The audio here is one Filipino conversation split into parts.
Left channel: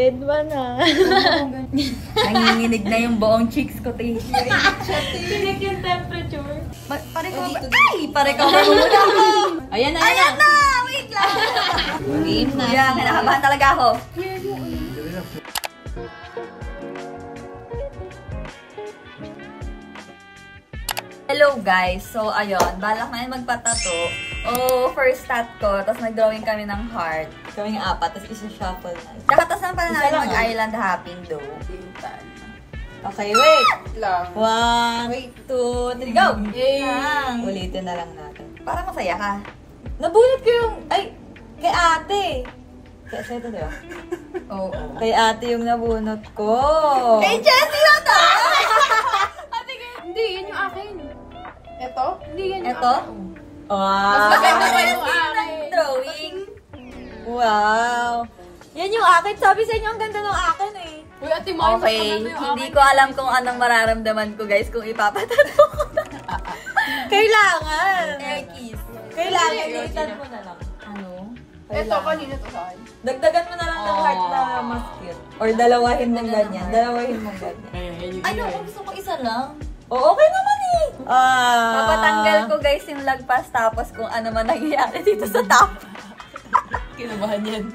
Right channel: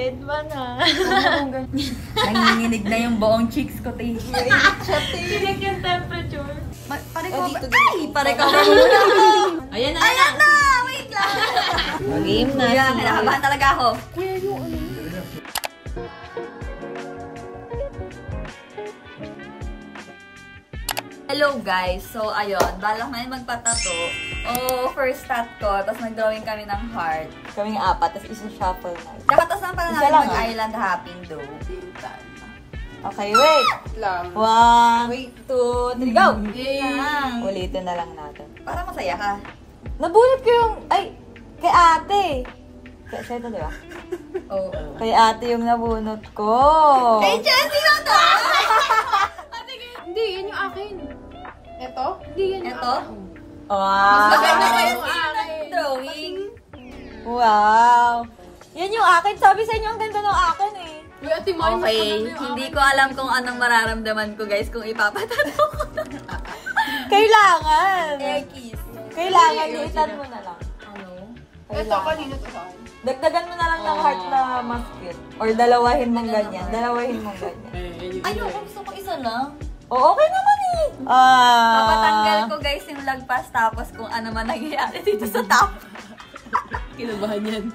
Dead man ha. Nanginginig na yung buong cheeks ko, te. Tinig yung temperature. Pa-recover. Ay! Pa-recover mo muna ako. Ayan na! Ayan na! Wait lang! Game na. Kuya, kinakabahan talaga ako. Hello guys! So, ayun. Balak na yun magpatato. First tat ko. Tapos nag-drawing kami ng heart. Kaming apat. Tapos isa-shuffle na. Tsaka na pala namin mag-island hopping though. Okay, wait! Lang. 1, 2, 3, go! Lang. Ulitin na lang natin. Para masaya ka. Nabunot ko yung... Ay! Kay ate! Siya ito, di ba? Oo. Kay ate yung nabunot ko. Kay Jessie na to! Hindi, yan yung akin. Ito? Hindi yan yung ito? Wow! Bakit na ng drawing? Wow! Yan yung akin. Sabi sa inyo, ang ganda ng akin eh. Okay, hindi ko alam kung anong mararamdaman ko guys kung ipapatato ko na. Kailangan! Kiss. Kailangan, liitan mo na lang. Ano? Ito, kanino to sa akin? Dagdagan mo na lang ng heart na mas cute. Or dalawahin mong ganyan. Dalawahin mong ganyan. Ano, kung gusto ko isa lang. Okay naman eh. Papatanggal ko guys yung lagpas tapos kung ano man nangyayari dito sa top. Kinubahan yan.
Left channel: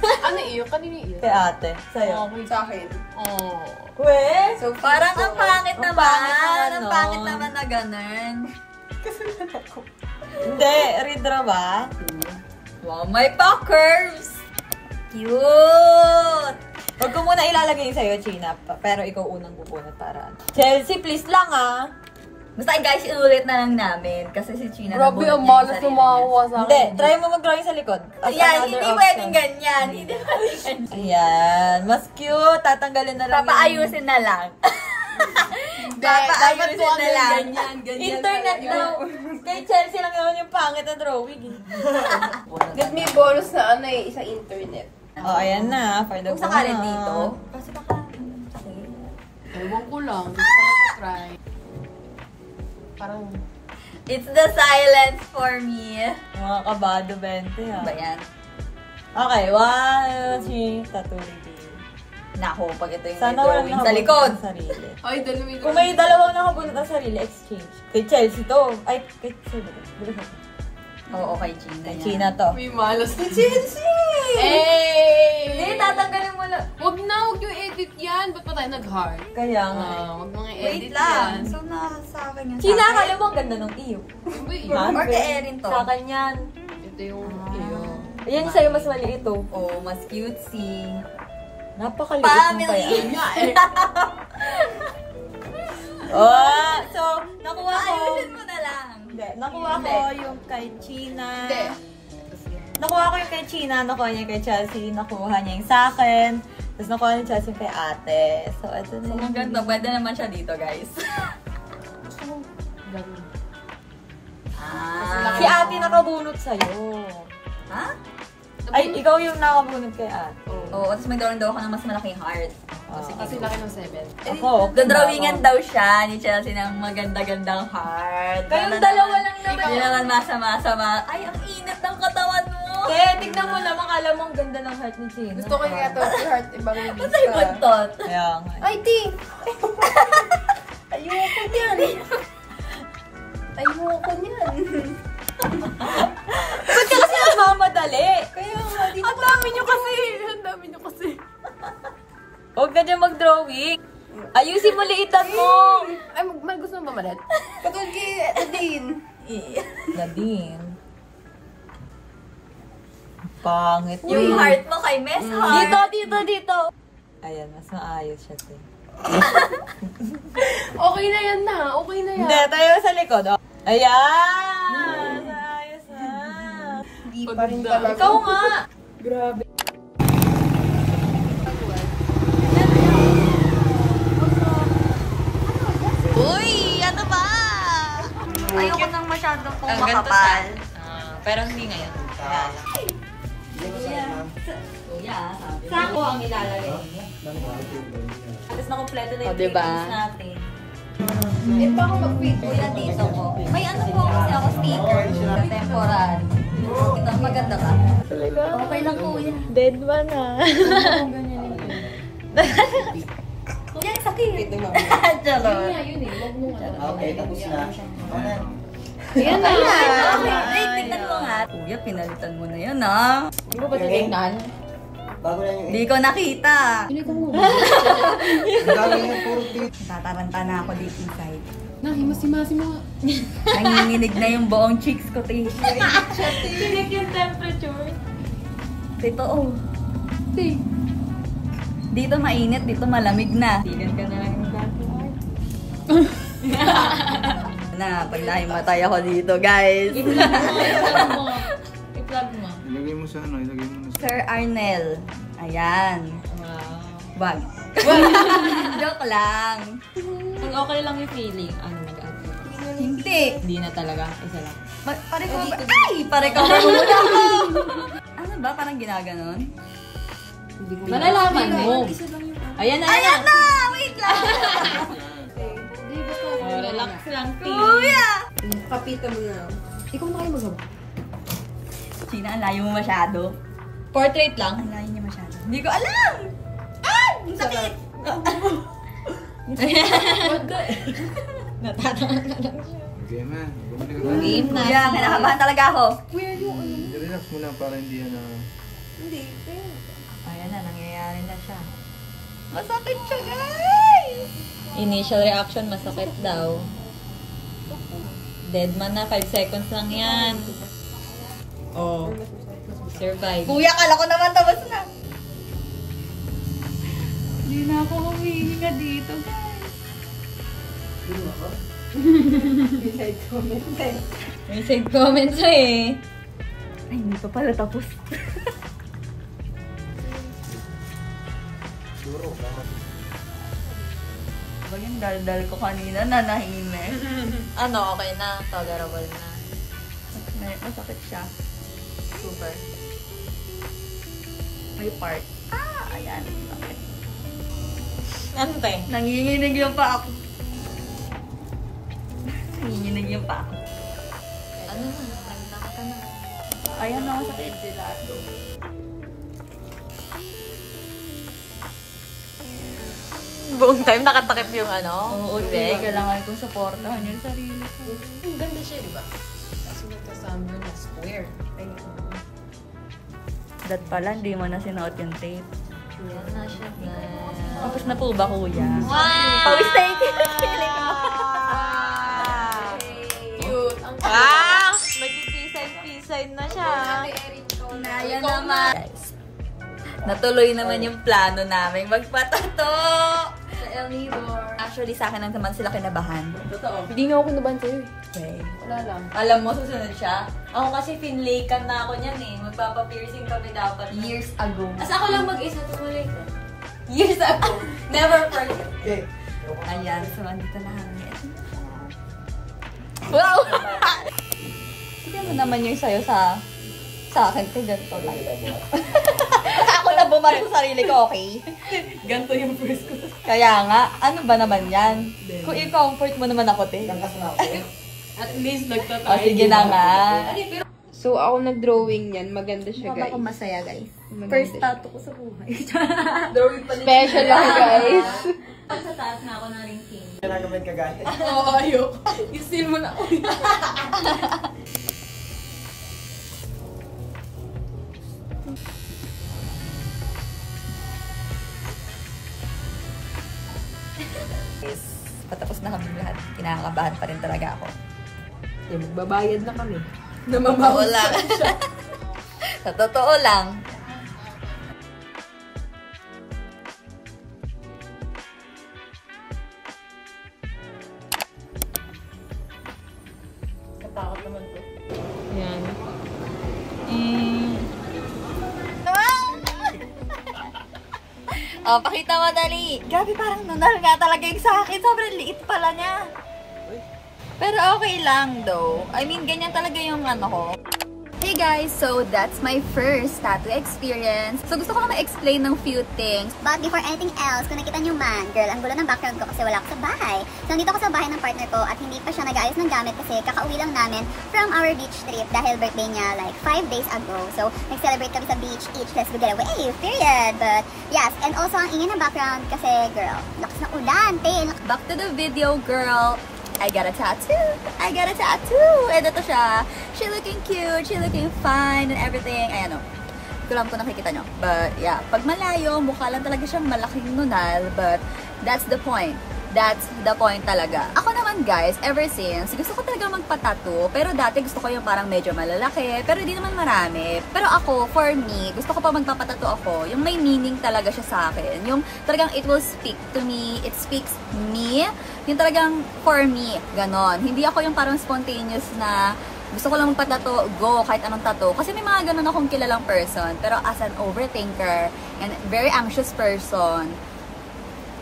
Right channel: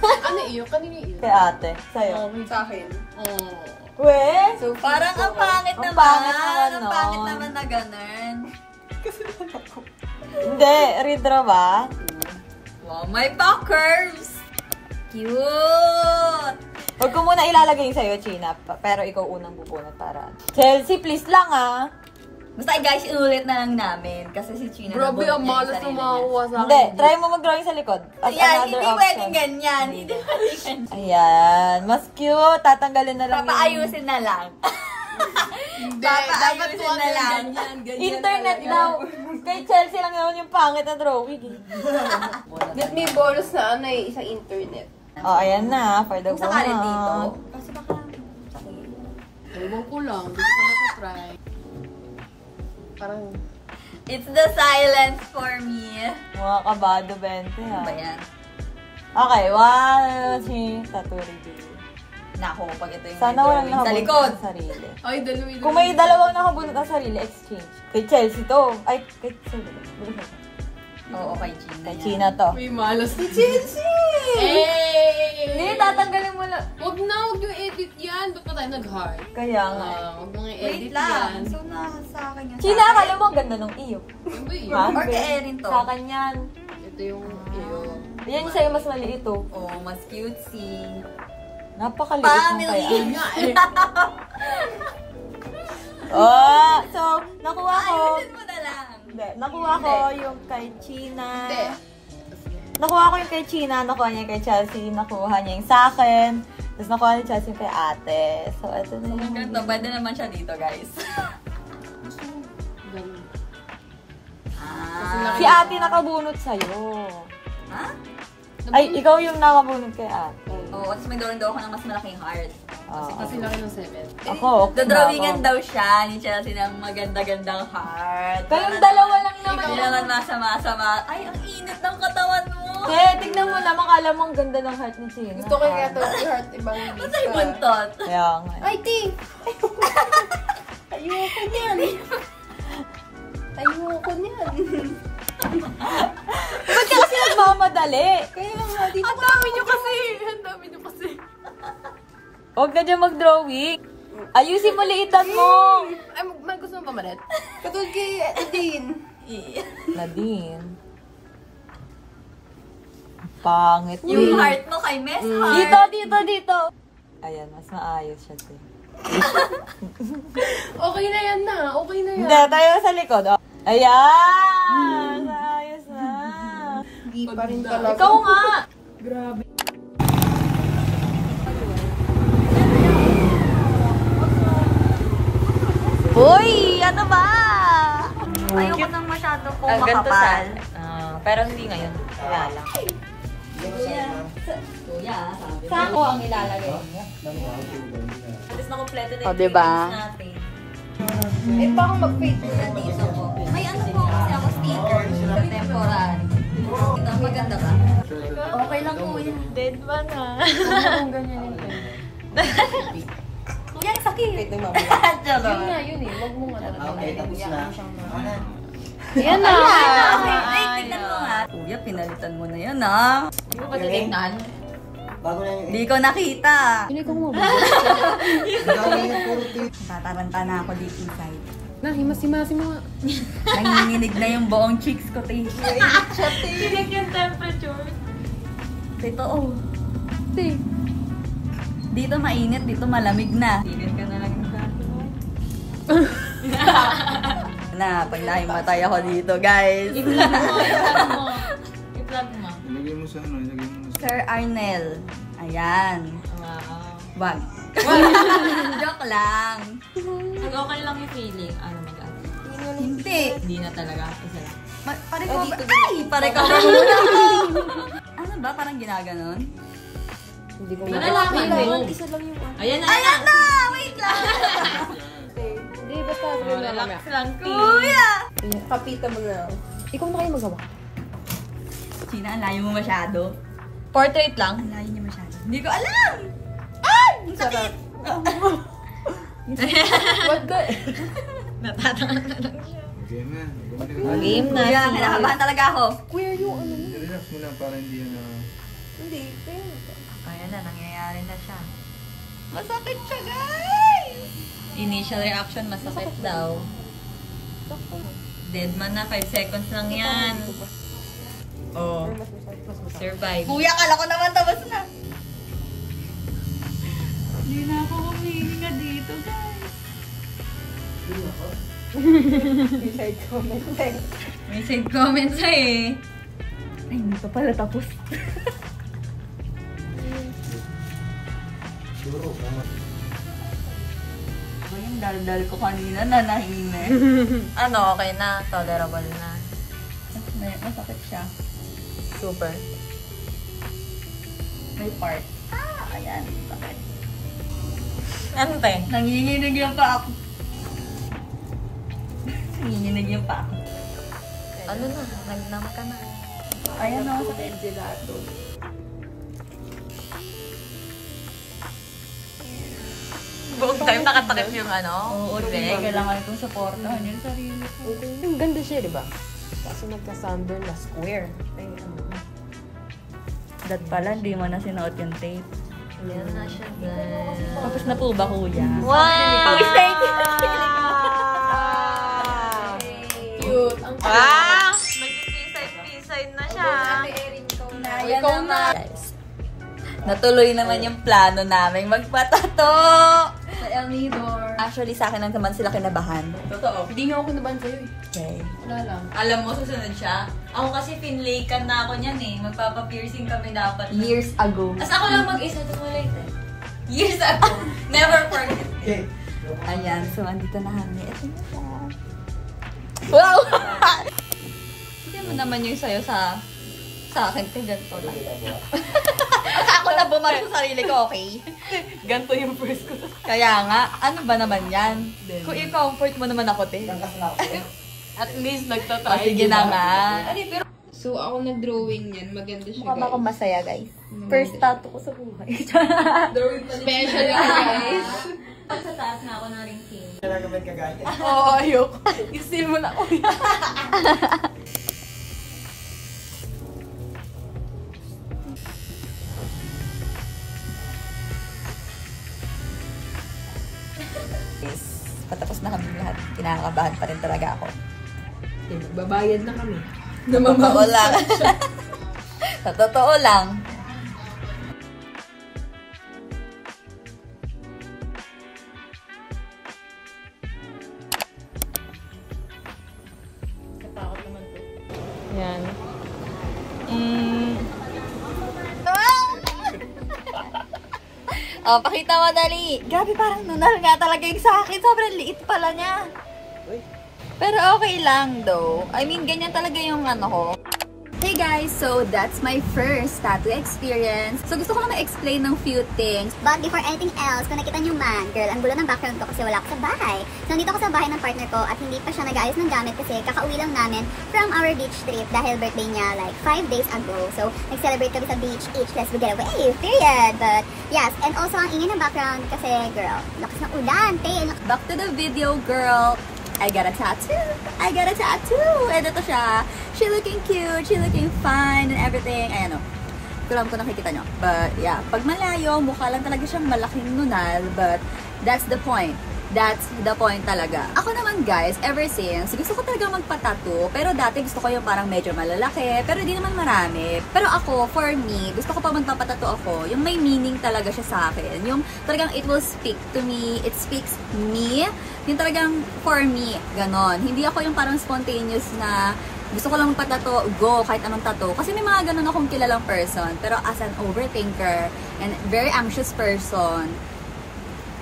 Ano iyo? Kanino iyo? Kay ate. Sa'yo. Sa akin. So, parang ang pangit naman. Ang pangit naman na ganun. Hindi. Redraw ba? Wow, may pa-curves. Cute! Huwag ko muna ilalagay sa'yo, China. Pero ikaw unang bubunot para. Chelsea, please lang ah. Basta guys, inulit na lang namin. Kasi si China nabunot niya yung sarili niya. Hindi, try mo mag-drawing sa likod. Ayan, hindi pwedeng ganyan. Hindi pwedeng ganyan. Ayan, mas cute. Tatanggalin na lang. Papaayusin na lang. Papaayusin na lang. Internet daw. Kay Chelsea lang naman yung pangit na drawing. Let me bonus na ano eh, isang internet. Ayan na. For the kung sakali dito. Kasi baka... Ewan ko lang. Gusto ko try. Parang... It's the silence for me. Mga kabado 20 ha. Ba yan? Okay, 1, 2, 3, tatuloy dito. Naku, pag ito yung may drawing sa likod. Ay, dalawa. Kung may dalawang nakabunot na sarili, exchange. Kay Chelsea to. Ay, kay Chelsea. Oo, kay China. Kay China to. May malas ni Chelsea! Hey! Hindi, tatanggalin mo lang. Huwag yung edit yan. Ba't pa tayo nag-heart? Kaya nga. Huwag nang i-edit wait lang. So, sa akin yung China, akala mo ang ganda ng iyo. Or kay Erin to. Sa akin yan. Ito yung iyo. Ayan sa'yo, mas maliit oh. Oo, mas cutesy. Napakaliit mo kaya. So, nakuha ko. Ayusin mo na lang. Hindi, nakuha ko yung kay China. Nakuha ko yung kay China, nakuha niya kay Chelsea, nakuha niya yung sa akin. Tapos nakuha ni Chelsea kay ate. So, ito na. Ang ganda, pwede naman siya dito, guys. Si ate nakabunot sa'yo. Ha? Ay, ikaw yung nakabunot kay ate. Oo, tapos may drawing daw ako ng mas malaking heart. Kasi laki ng 7. Ako. Dodrawingan daw siya ni Chelsea ng maganda-gandang heart. Kayong dalawa lang naman. Hindi naman masama-sama. Ay, ang init ng katawan mo. Kaya, tignan mo naman, akala mo ang ganda ng heart ni China. Gusto ko yung ito, heart, ibang hindi. Basta yung buntot. Kaya nga. Ay, di! Ayoko niyan. Ayoko niyan. Ba't ka kasi nagmamadali? Kaya nga, di Ang dami niyo kasi. Ang dami niyo kasi. Huwag ka dyan mag-drawing. Ayusin mo, liitan mo. Ay, may gusto mo ba malit? Katulad kay Nadine. Nadine. Pangit. Yung heart mo kay Miss Heart. Dito. Ayan, mas maayos siya. Okay na yan na. Okay na yan. Hindi, tayo sa likod. Oh. Ayan! Ayos na. Hindi pa rin talaga. Ikaw nga! Grabe. Uy! Ano ba? Ayoko nang masyado po makapal. Pero hindi ngayon. Kuya, sabi. Saan ko ang ilalagay mo? Tapos na-kompleto na yung diba? things natin. Eh, baka mag-fit. Kuya, dito ko. May ano po kasi ako sticker. Temporary. Ito, maganda ka? Okay lang, kuya. Dead man ah. Kuya, ang sakit. Charot. Yun eh. Huwag mo nga. Okay, tapos na. Yan na. Okay, wait, tignan mo nga. Kuya, pinalitan mo na yun, ah. Hindi mo ba titignan? Bago na yung Hindi ko nakita. Hindi ko mo ba? bago yung puro dito. Tataranta na ako deep inside. Himas-himasi mga. Nanginginig na yung buong cheeks ko, te. Tinig yung temperature. Totoo. Hey. Dito mainit, dito malamig na. Tingnan ka na lang yung dati mo. Na, pag nahimatay ako dito, guys. I-vlog mo. I-vlog mo. Ilagay mo sa ano, ilagay mo na sa... Sir Arnel. Ayan. Wow. Wag. Joke lang. Pag okay lang yung feeling, ano mag-add? Hindi. Hindi na talaga. Isa lang. Pa-recover. Ay! Pa-recover muna ako. Ano ba? Parang ginaganon? Hindi ko Malalaman mo. Ayan na. Ayan na! Wait lang! Hindi, basta. Oh, relax lang, T. Kuya! Kapita mo na. Ikaw na kayo magawa. China, ang layo mo masyado. Portrait lang. Ang layo niya masyado. Hindi ko alam! Ay! Ang sakit! What the? Natatangan na lang siya. Okay na. Bumalik ka Game na. Kuya, kinakabahan talaga ako. Kuya, yung ano? Relax mo lang para hindi yan na... Hindi. Kaya. Ayan na, nangyayari na siya. Masakit siya, guys! Initial reaction, masakit daw. Dead man na, 5 seconds lang yan. Oh. Survive. Kuya, kala ko naman tapos na. Hindi na ako humihinga dito, guys. May side comments eh. Ay, hindi pa pala tapos. Ba yung daldal ko kanina na nahina. Ano, okay na. Tolerable na. Masakit siya. Super. May part. Ah, ayan. Sakit. Ano te? Nanginginig yung pa ako. Nanginginig yung pa ako. Ano na? Nag-numb ka na. Ayan ako sakit. Buong time nakatakip yung ano? Oo, hindi. Kailangan kong supportahan yung sarili ko. Ganda siya, di ba? Kasi nagka-sunburn na square. That pala, hindi mo na sinuot yung tape. Yan na siya, guys. Tapos na po ba, kuya? Wow! Oh, thank you. Cute. Ang Wow! Mag-piside na siya. Naya naman. Guys, natuloy naman yung plano namin magpatato. Sa El Nidor. Actually, sa akin lang naman sila kinabahan. Totoo. Hindi nga ako kinabahan sa'yo eh. Okay. Wala lang. Alam mo, susunod siya. Ako kasi finlaykan na ako niyan eh. Magpapa-piercing kami dapat. Years ago. Tapos ako lang mag-isa tumulit eh. Years ago. Never forget. Okay. Ayan, so andito na kami. Ito na siya. Wow! Sige mo naman yung sayo sa akin ko, ganito lang. Ako na bumarap sa sarili ko, okay? Ganto yung first ko. Kaya nga, ano ba naman yan? Kung i-comfort mo naman ako, te. At least O, nagtatay. sige na nga. So, ako nag-drawing yan. Maganda siya, Mukha ba guys. akong masaya, guys? Maganda First siya. tattoo ko sa buhay. Drawing pa Special lang, guys. Sa taas na ako ng ring king. Nagagawin ka galit. Oo, ayok. Isil mo na. Yes. Patapos na kami lahat. Kinakabahan pa rin talaga ako. Babayad na kami. Sa totoo lang. Sa totoo lang. Katakot naman to. Yan. Oh, pakita mo dali. Grabe, parang nunal nga talaga yung sa akin. Sobrang liit pala niya. Pero okay lang though. I mean, ganyan talaga yung ano ko. Hey guys, so that's my first tattoo experience. So gusto ko lang ma-explain ng few things. But before anything else, kung nakita nyo man, girl, ang gulo ng background ko kasi wala ako sa bahay. So nandito ako sa bahay ng partner ko at hindi pa siya nag-aayos ng gamit kasi kakauwi lang namin from our beach trip dahil birthday niya like 5 days ago. So nag-celebrate kami sa beach, let's go get away, period. But yes, and also ang ingay ng background kasi girl, lakas ng ulan, Back to the video, girl. I got a tattoo. And ito siya. She looking cute. She looking fine and everything. Ayan o. Hindi ko alam kung nakikita nyo. But yeah, pag malayo, mukha lang talaga siyang malaking nunal. But that's the point. That's the point talaga. Ako naman guys, ever since, gusto ko talaga magpa-tattoo. Pero dati gusto ko yung parang medyo malalaki. Pero di naman marami. Pero ako, for me, gusto ko pa magpapatattoo ako. Yung may meaning talaga siya sa akin. Yung talagang it will speak to me. It speaks me. Yung talagang for me. Ganon. Hindi ako yung parang spontaneous na gusto ko lang magpatato, go, kahit anong tattoo. Kasi may mga ganun akong kilalang person. Pero as an overthinker and very anxious person,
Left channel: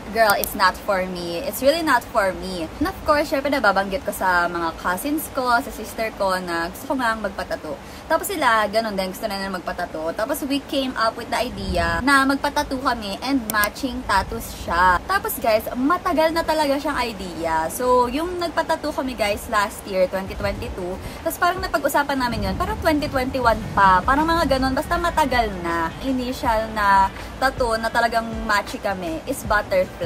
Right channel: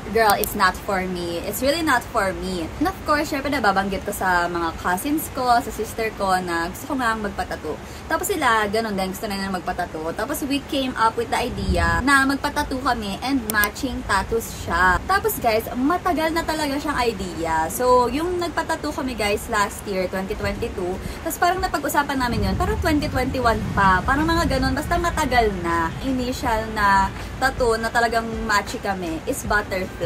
girl, it's not for me. It's really not for me. And of course, syempre nababanggit ko sa mga cousins ko, sa sister ko na gusto ko nga magpatato. Tapos sila, ganun din, gusto na nila magpatato. Tapos we came up with the idea na magpatato kami and matching tattoos siya. Tapos guys, matagal na talaga siyang idea. So, yung nagpatato kami guys last year, 2022. Tapos parang napag-usapan namin yun, parang 2021 pa. Parang mga ganun, basta matagal na. Initial na tattoo na talagang matchy kami is butterfly.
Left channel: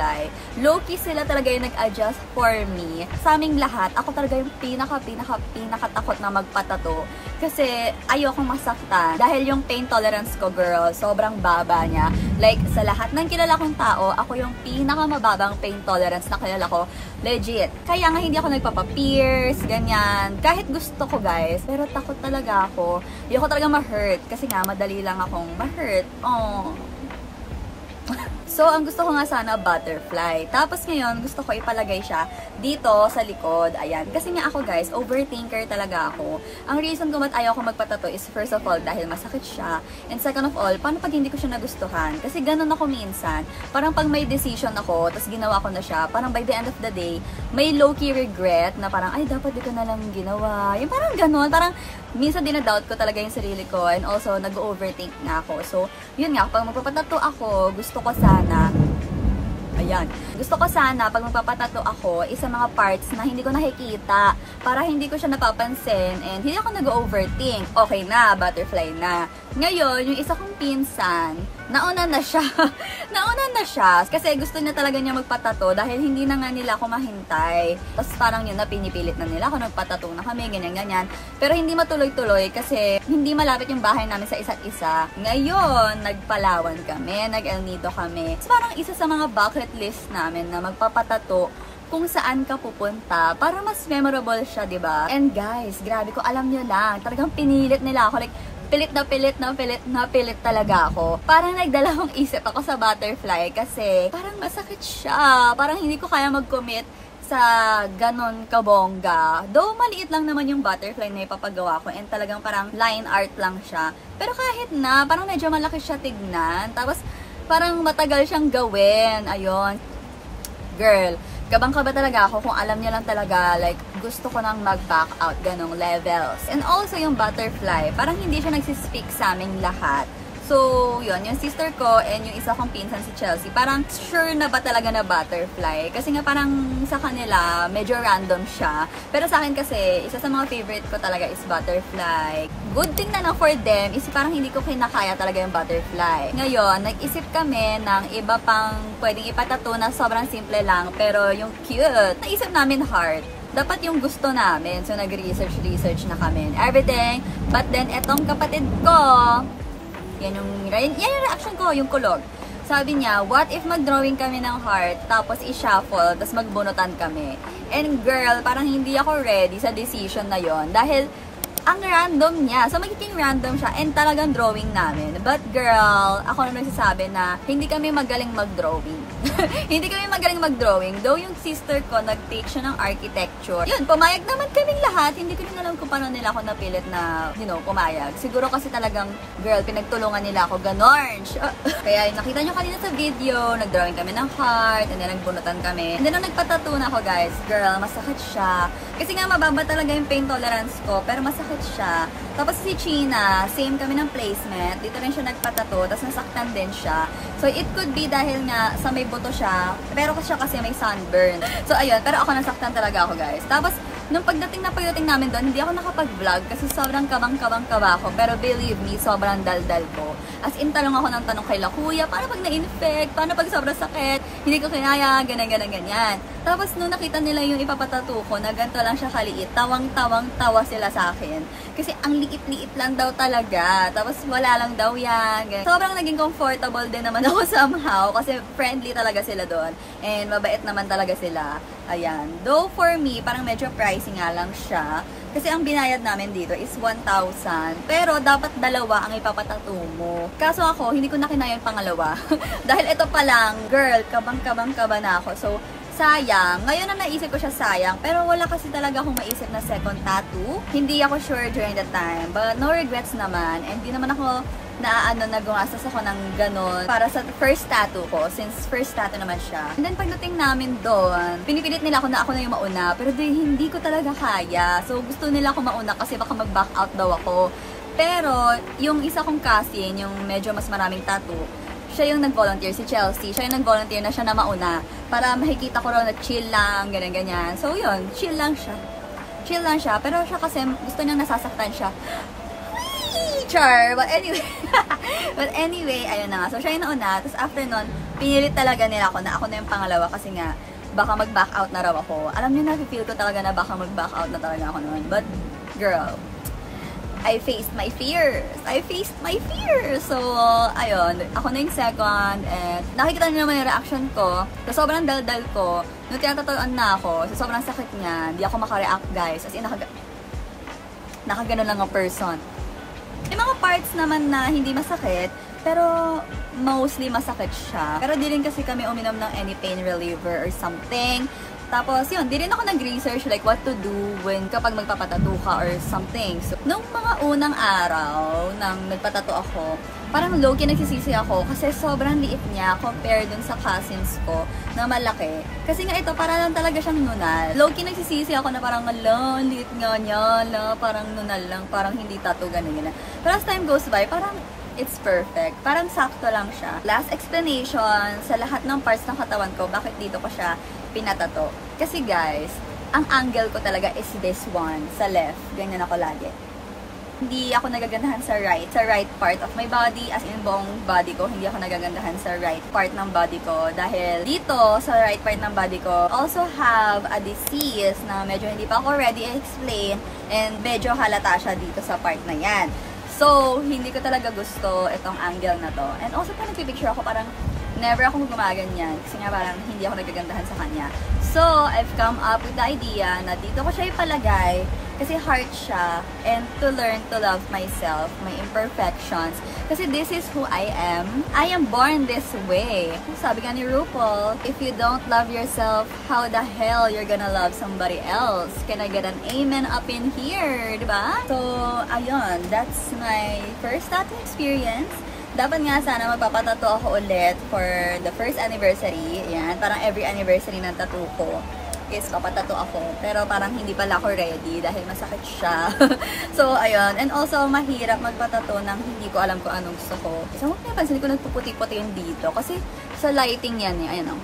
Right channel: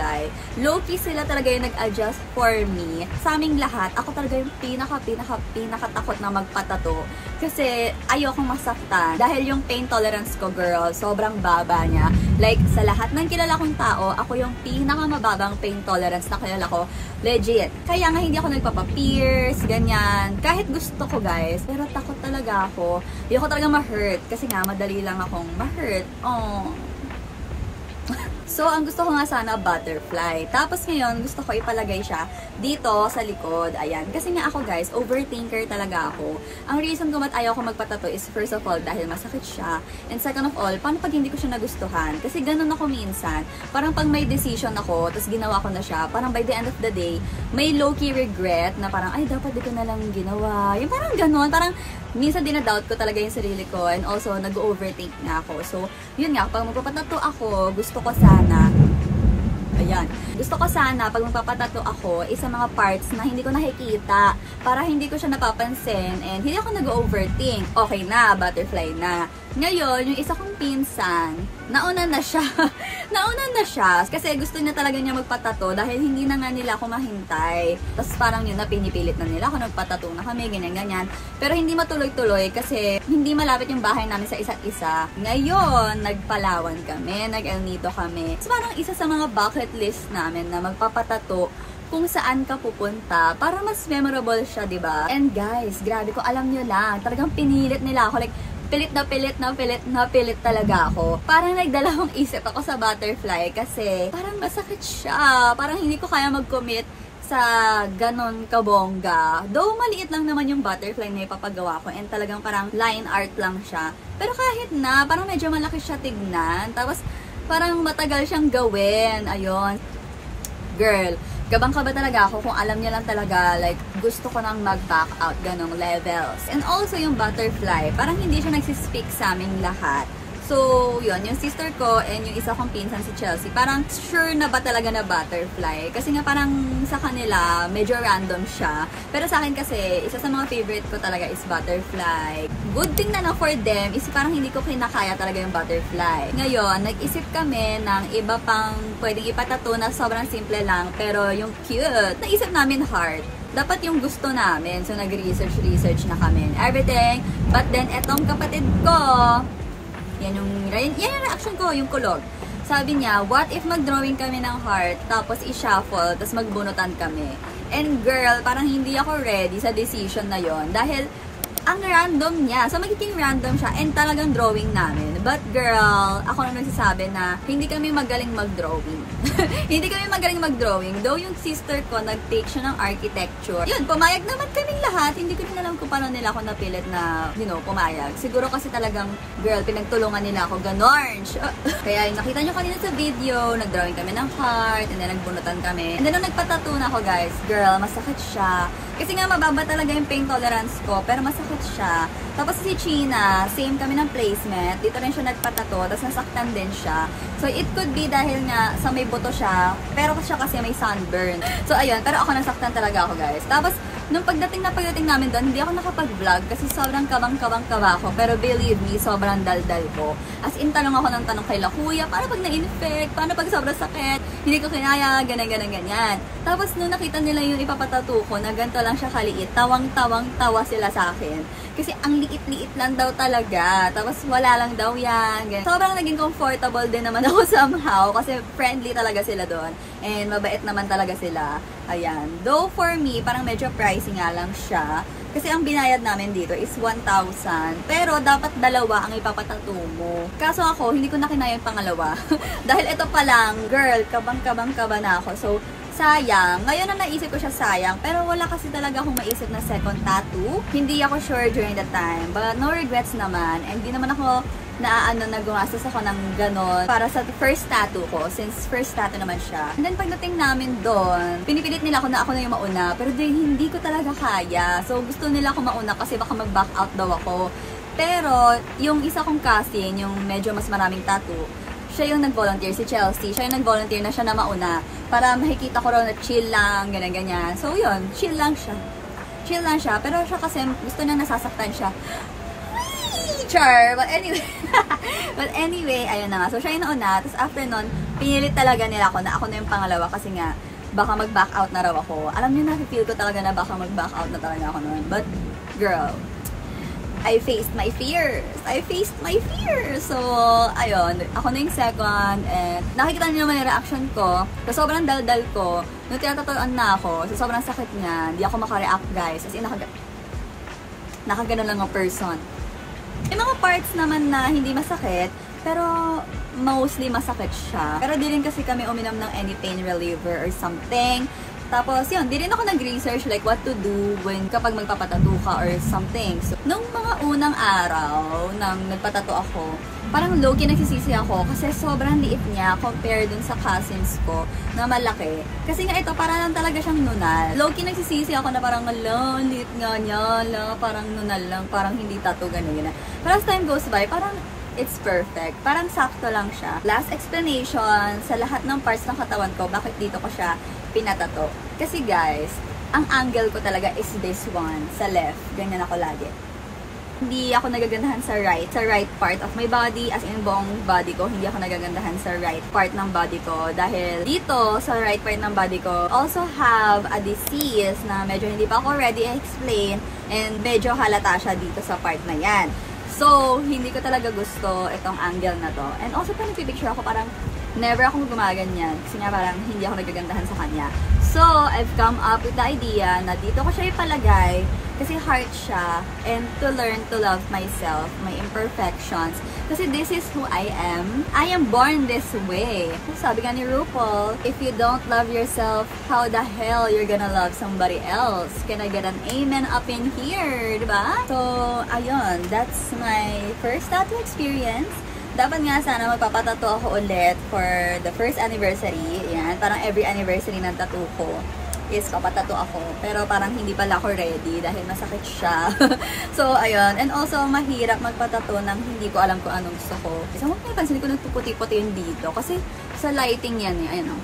Low-key sila talaga yung nag-adjust for me. Sa aming lahat, ako talaga yung pinaka-takot na magpatato. Kasi ayokong masaktan. Dahil yung pain tolerance ko, girl, sobrang baba niya. Like, sa lahat ng kilala kong tao, ako yung pinakamababang pain tolerance na kilala ko. Legit. Kaya nga hindi ako nagpapa-pierce, ganyan. Kahit gusto ko, guys, pero takot talaga ako. Ayoko talaga ma-hurt. Kasi nga, madali lang akong ma-hurt. Oh. So, ang gusto ko nga sana butterfly. Tapos ngayon, gusto ko ipalagay siya dito sa likod. Ayan. Kasi nga ako guys, overthinker talaga ako. Ang reason kung ba't ayaw ko magpatato is first of all, dahil masakit siya. And second of all, paano pag hindi ko siya nagustuhan? Kasi ganun ako minsan. Parang pag may decision ako, tapos ginawa ko na siya, parang by the end of the day, may low-key regret na parang, ay, dapat dito na lang ginawa. Yung parang ganun. Parang minsan dinadoubt ko talaga yung sarili ko. And also, nag-overthink nga ako. So, yun nga, pag magpapatato ako, gusto ko sana, ayan, gusto ko sana pag magpapatato ako is sa mga parts na hindi ko nakikita para hindi ko siya napapansin and hindi ako nag-overthink. Okay na, butterfly na. Ngayon, yung isa kong pinsan, nauna na siya. Nauna na siya kasi gusto niya talaga niya magpatato dahil hindi na nga nila ako mahintay. Tapos parang yun na pinipilit na nila ako, nagpatato na kami, ganyan-ganyan. Pero hindi matuloy-tuloy kasi hindi malapit yung bahay namin sa isa't isa. Ngayon, nagpalawan kami, nag-El Nido kami. So parang isa sa mga bucket list namin na magpapatato kung saan ka pupunta para mas memorable siya, diba? And guys, grabe ko, alam nyo lang, talagang pinilit nila ako. Like, pilit talaga ako. Parang nagdalawang isip ako sa butterfly kasi parang masakit siya. Parang hindi ko kaya mag-commit sa ganon kabongga. Though maliit lang naman yung butterfly na ipapagawa ko and talagang parang line art lang siya. Pero kahit na, parang medyo malaki siya tignan. Tapos parang matagal siyang gawin. Ayun. Girl, kabang-kaba talaga ako kung alam niya lang talaga, like, gusto ko nang mag-back out, ganong levels. And also, yung butterfly, parang hindi siya nagsispeak sa aming lahat. So, yun, yung sister ko and yung isa kong pinsan si Chelsea, parang sure na ba talaga na butterfly? Kasi nga parang sa kanila, medyo random siya. Pero sa akin kasi, isa sa mga favorite ko talaga is butterfly. Good thing na for them is parang hindi ko kinakaya talaga yung butterfly. Ngayon, nag-isip kami ng iba pang pwedeng ipatato na sobrang simple lang, pero yung cute. Naisip namin heart. Dapat yung gusto namin. So, nag-research na kami and everything. But then, etong kapatid ko, yan yung reaction ko, yung kulog. Sabi niya, what if mag-drawing kami ng heart, tapos i-shuffle, tapos magbunutan kami? And girl, parang hindi ako ready sa decision na yon dahil ang random niya. So, magiging random siya and talagang drawing namin. But girl, ako na nagsasabi na hindi kami magaling mag-drawing. Hindi kami magaling mag-drawing. Though yung sister ko, nag-take siya ng architecture. Yun, pumayag naman kaming lahat. Hindi ko din alam kung paano nila ako napilit na, you know, pumayag. Siguro kasi talagang, girl, pinagtulungan nila ako. Ganon. Kaya yung nakita nyo kanina sa video, nag-drawing kami ng heart, and then nagbunutan kami. And then nung nagpatattoo na ako, guys, girl, masakit siya. Kasi nga, mababa talaga yung pain tolerance ko, pero masakit nasakit siya. Tapos si China, same kami ng placement. Dito rin siya nagpatato, tapos nasaktan din siya. So, it could be dahil nga sa may buto siya, pero siya kasi may sunburn. So, ayun. Pero ako nasaktan talaga ako, guys. Tapos, nung pagdating namin doon, hindi ako nakapag-vlog kasi sobrang kabang-kaba ako. Pero believe me, sobrang daldal ko. As in, tanong ako ng tanong kay La Kuya, paano pag na-infect? Paano pag sobrang sakit? Hindi ko kinaya, ganyan. Tapos, nung nakita nila yung ipapatato ko, na ganito lang siya kaliit, tawang-tawa sila sa akin. Kasi ang liit-liit lang daw talaga. Tapos, wala lang daw yan. Ganyan. Sobrang naging comfortable din naman ako somehow kasi friendly talaga sila doon. And mabait naman talaga sila. Ayan. Though for me, parang medyo pricey nga lang siya. Kasi ang binayad namin dito is 1,000. Pero dapat dalawa ang ipapatato mo. Kaso ako, hindi ko na kinaya yung pangalawa. Dahil ito pa lang, girl, kabang-kaba na ako. So, sayang. Ngayon na naisip ko siya sayang. Pero wala kasi talaga akong maisip na second tattoo. Hindi ako sure during the time. But no regrets naman. And di naman ako na gumastos ako ng ganon para sa first tattoo ko, since first tattoo naman siya. And then pagdating namin doon, pinipilit nila ako na ako na yung mauna, pero hindi ko talaga kaya. So gusto nila ako mauna kasi baka mag-back out daw ako. Pero yung isa kong cousin, yung medyo mas maraming tattoo, siya yung nag-volunteer, si Chelsea. Siya yung nag-volunteer na siya na mauna para makikita ko raw na chill lang, ganyan-ganyan. So yun, chill lang siya. Chill lang siya, pero siya kasi gusto niya nasasaktan siya. Char! But anyway, ayun na nga. So, siya yung nauna. Tapos after nun, pinilit talaga nila ako na ako na yung pangalawa kasi nga, baka mag-back out na raw ako. Alam niyo, na-feel ko talaga na baka mag-back out na talaga ako nun. But, girl, I faced my fears. So, ayun. Ako na yung second. And nakikita niyo naman yung reaction ko. So, sobrang daldal ko. Nung tinatatuan na ako, so sobrang sakit niya. Hindi ako makareact, guys. As in, nakagano lang ang person. May mga parts naman na hindi masakit, pero mostly masakit siya. Pero di rin kasi kami uminom ng any pain reliever or something. Tapos yun, di rin ako nag-research like what to do when kapag magpapatato ka or something. So, nung mga unang araw nang nagpatato ako, parang low-key nagsisisi ako kasi sobrang liit niya compared dun sa cousins ko na malaki. Kasi nga ito, para lang talaga siyang nunal. Low-key nagsisisi ako na parang, liit nga niya, parang nunal lang, parang hindi tattoo, gano'n. Pero as time goes by, parang it's perfect. Parang sakto lang siya. Last explanation sa lahat ng parts ng katawan ko, bakit dito ko siya pinatato. Kasi guys, ang angle ko talaga is this one, sa left. Ganyan ako lagi. Hindi ako nagagandahan sa right part of my body, as in buong body ko, hindi ako nagagandahan sa right part ng body ko. Dahil dito, sa right part ng body ko, also have a disease na medyo hindi pa ako ready i-explain and medyo halata siya dito sa part na yan. So, hindi ko talaga gusto itong angle na to. And also, pag nagpipicture ako, parang never ako gumaganyan kasi nga parang hindi ako nagagandahan sa kanya. So, I've come up with the idea na dito ko siya ipalagay kasi heart siya, and to learn to love myself, my imperfections. Kasi this is who I am. I am born this way. Sabi nga ni RuPaul, if you don't love yourself, how the hell you're gonna love somebody else? Can I get an amen up in here? Diba? So, ayun. That's my first tattoo experience. Dapat nga sana magpapatato ako ulit for the first anniversary. Yan, parang every anniversary ng tattoo ko is papatato ako. Pero parang hindi pala ako ready dahil masakit siya. So, ayun. And also, mahirap magpatato nang hindi ko alam kung anong gusto ko. So, napansin ko nagpuputi-puti yun dito. Kasi sa lighting yan eh. Ayun o.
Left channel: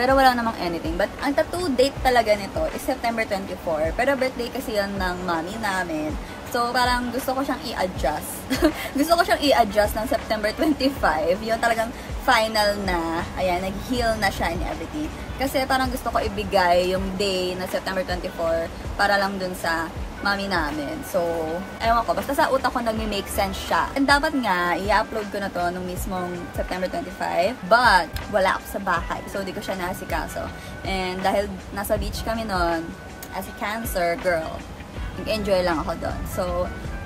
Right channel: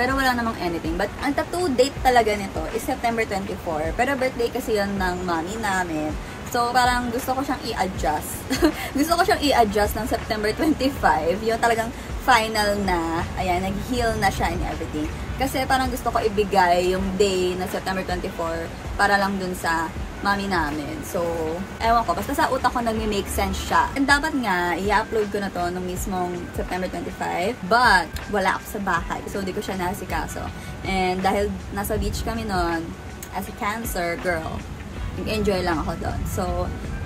Pero wala namang anything. But ang tattoo date talaga nito is September 24. Pero birthday kasi yun ng mommy namin. So, parang gusto ko siyang i-adjust. Gusto ko siyang i-adjust ng September 25. Yung talagang final na. Ayan, nag-heal na siya and everything. Kasi parang gusto ko ibigay yung day na September 24 para lang dun sa mami namin. So, ewan ko. Basta sa utak ko nagme-make sense siya. And dapat nga, i-upload ko na to nung mismong September 25. But, wala ako sa bahay. So, di ko siya nasikaso. And dahil nasa beach kami nun, as a Cancer girl, nag-enjoy lang ako doon. So,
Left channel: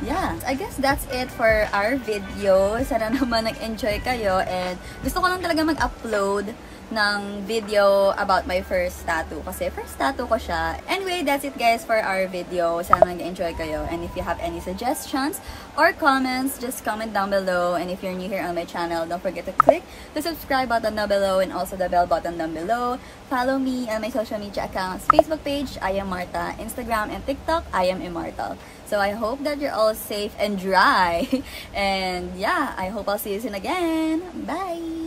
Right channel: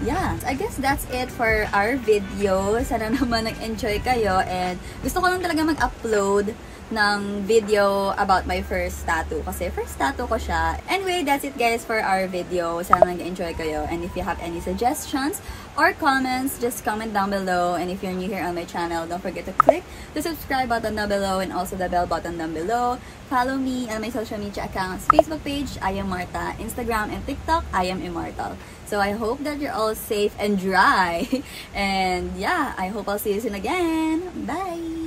yeah. I guess that's it for our video. Sana naman nag-enjoy kayo. And gusto ko lang talaga mag-upload ng video about my first tattoo. Kasi first tattoo ko siya. Anyway, that's it guys for our video. Sana nag-enjoy kayo. And if you have any suggestions or comments, just comment down below. And if you're new here on my channel, don't forget to click the subscribe button down below and also the bell button down below. Follow me on my social media accounts. Facebook page, I am Marta. Instagram and TikTok, I am Immortal. So I hope that you're all safe and dry. And yeah, I hope I'll see you soon again. Bye!